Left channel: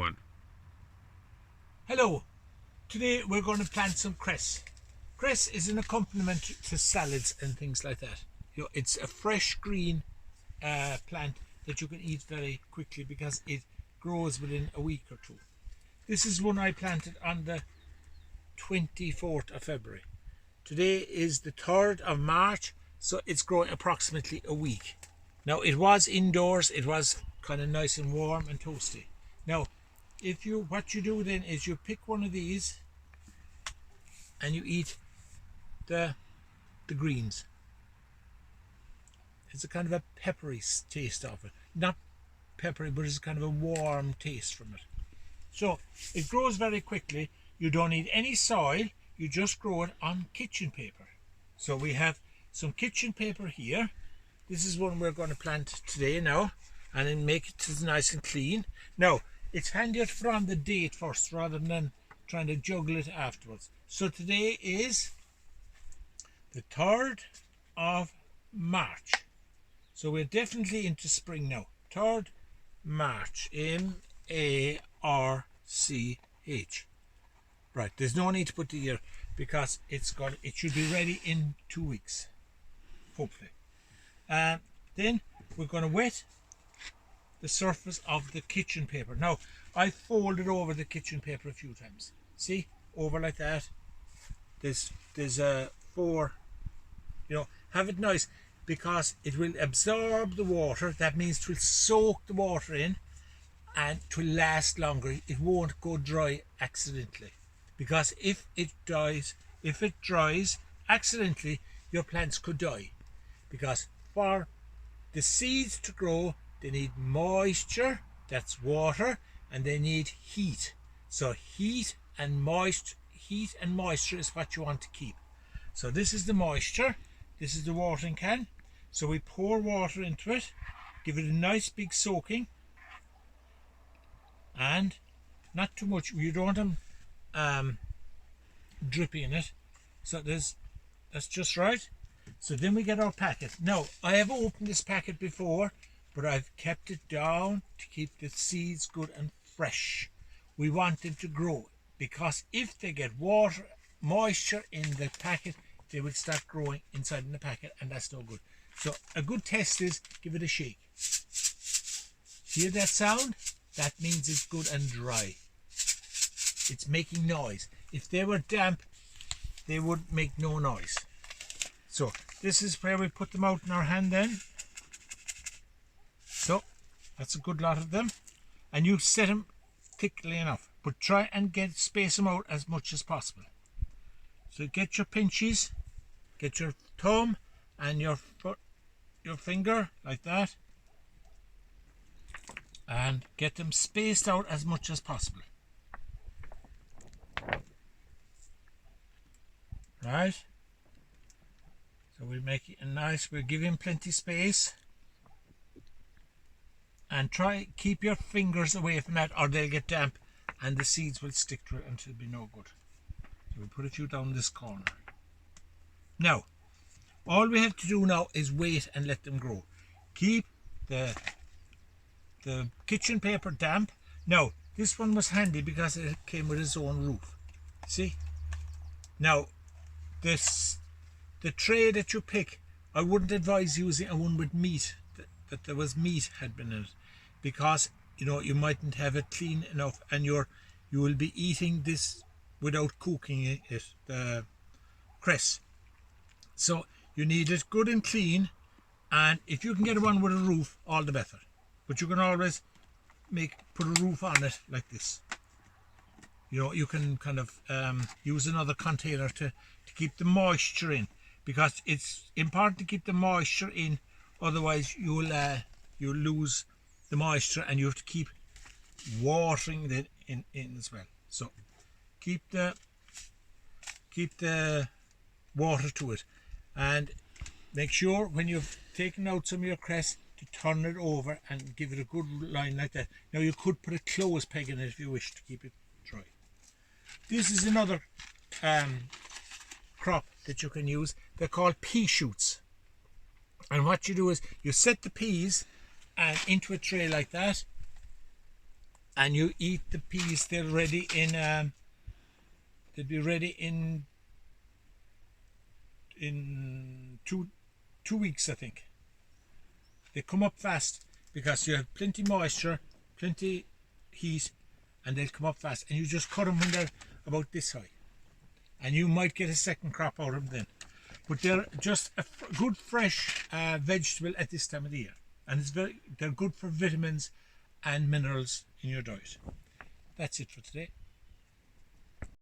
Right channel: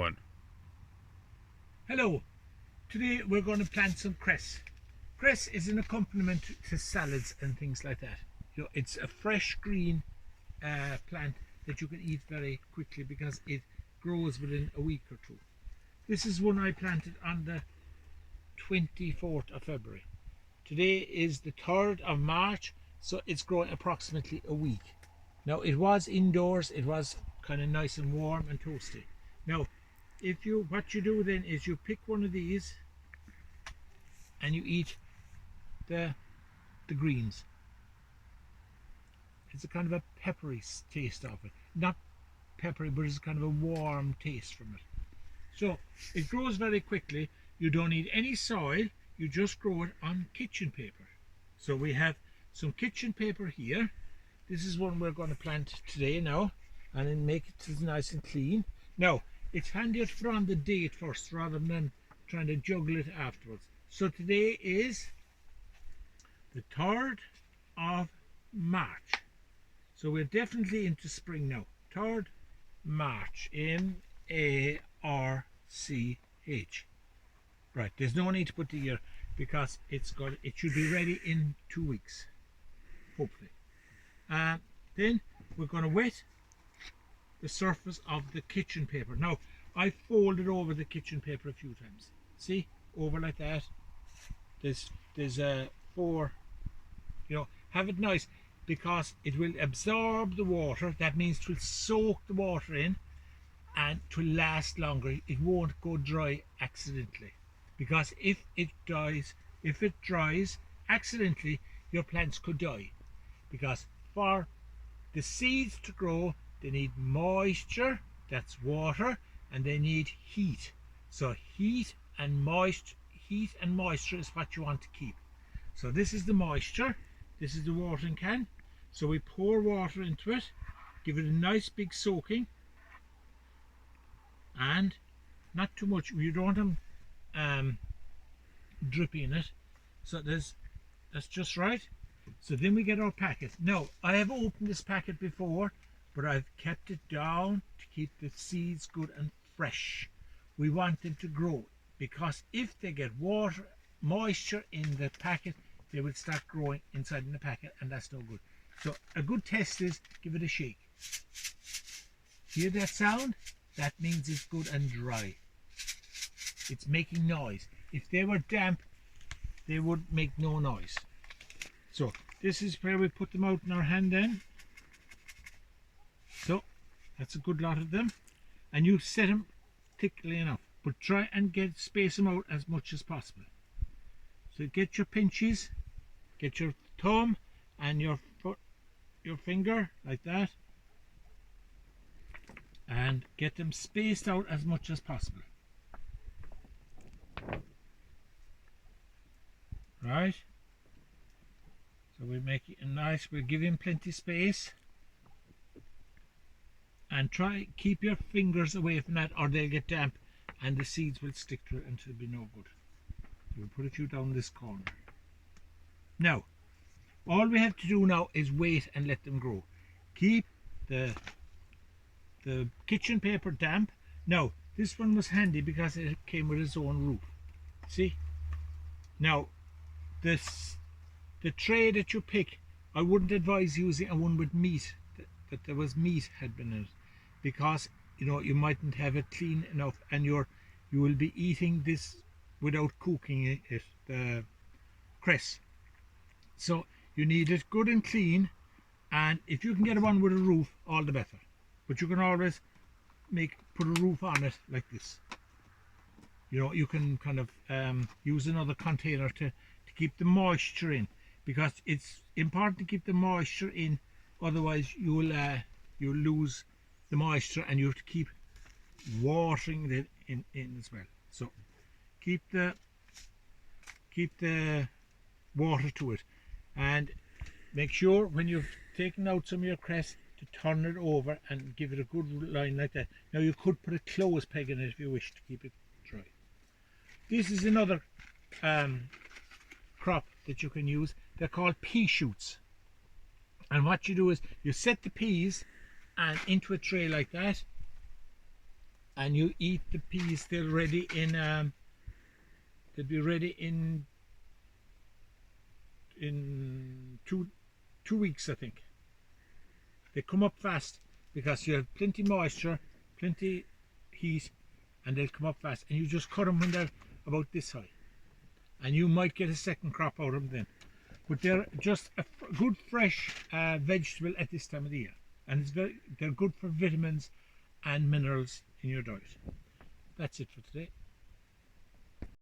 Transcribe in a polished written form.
one. Hello, today we're going to plant some cress. Cress is an accompaniment to salads and things like that. You know, it's a fresh green plant that you can eat very quickly because it grows within a week or two. This is one I planted on the 24th of February. Today is the 3rd of March, so it's growing approximately a week. Now it was indoors, it was kind of nice and warm and toasty. Now what you do then is you pick one of these and you eat the greens. It's a kind of a peppery taste of it. Not peppery, but it's kind of a warm taste from it. So it grows very quickly. You don't need any soil, you just grow it on kitchen paper. So we have some kitchen paper here. This is one we're going to plant today now, and then make it nice and clean. Now, it's handier to put on the date first rather than trying to juggle it afterwards. So today is the 3rd of March. So we're definitely into spring now. 3rd March, M-A-R-C-H. Right, there's no need to put the year because it should be ready in 2 weeks, hopefully. Then we're going to wet the surface of the kitchen paper. Now, I folded over the kitchen paper a few times. See, over like that. There's 4. You know, have it nice because it will absorb the water. That means it will soak the water in, and it will last longer. It won't go dry accidentally, because if it dries accidentally, your plants could die. Because for the seeds to grow, they need moisture, that's water, and they need heat. So heat and moisture is what you want to keep. So this is the moisture, this is the watering can. So we pour water into it, give it a nice big soaking, and not too much. You don't want them dripping in it. So that's just right. So then we get our packet. Now, I have opened this packet before, but I've kept it down to keep the seeds good and fresh. We want them to grow, because if they get moisture in the packet, they will start growing inside in the packet, and that's no good. So a good test is give it a shake. Hear that sound? That means it's good and dry. It's making noise. If they were damp, they would make no noise. So this is where we put them out in our hand then. So that's a good lot of them. And you set them thickly enough, but try and space them out as much as possible. So get your pinches, get your thumb and your finger like that, and get them spaced out as much as possible. Right? So we'll make it we'll give him plenty space, and keep your fingers away from that or they'll get damp and the seeds will stick to it until it'll be no good. So we'll put a few down this corner. Now, all we have to do now is wait and let them grow. Keep the kitchen paper damp. Now, this one was handy because it came with its own roof. See? Now, the tray that you pick, I wouldn't advise using a one with meat, that there was meat had been in it, because you mightn't have it clean enough, and you will be eating this without cooking it, the cress. So you need it good and clean, and if you can get one with a roof, all the better. But you can always put a roof on it like this. You can kind of use another container to keep the moisture in, because it's important to keep the moisture in, otherwise you'll lose the moisture, and you have to keep watering it in as well. So keep the water to it, and make sure when you've taken out some of your cress to turn it over and give it a good line like that. Now you could put a clothes peg in it if you wish to keep it dry. This is another crop that you can use. They're called pea shoots, and what you do is you set the peas into a tray like that, and you eat the peas. They'll ready in they'll be ready in two weeks, I think. They come up fast because you have plenty moisture, plenty heat, and they'll come up fast. And you just cut them when they're about this high, and you might get a second crop out of them then. But they're just a good fresh vegetable at this time of the year, and they're good for vitamins and minerals in your diet. That's it for today.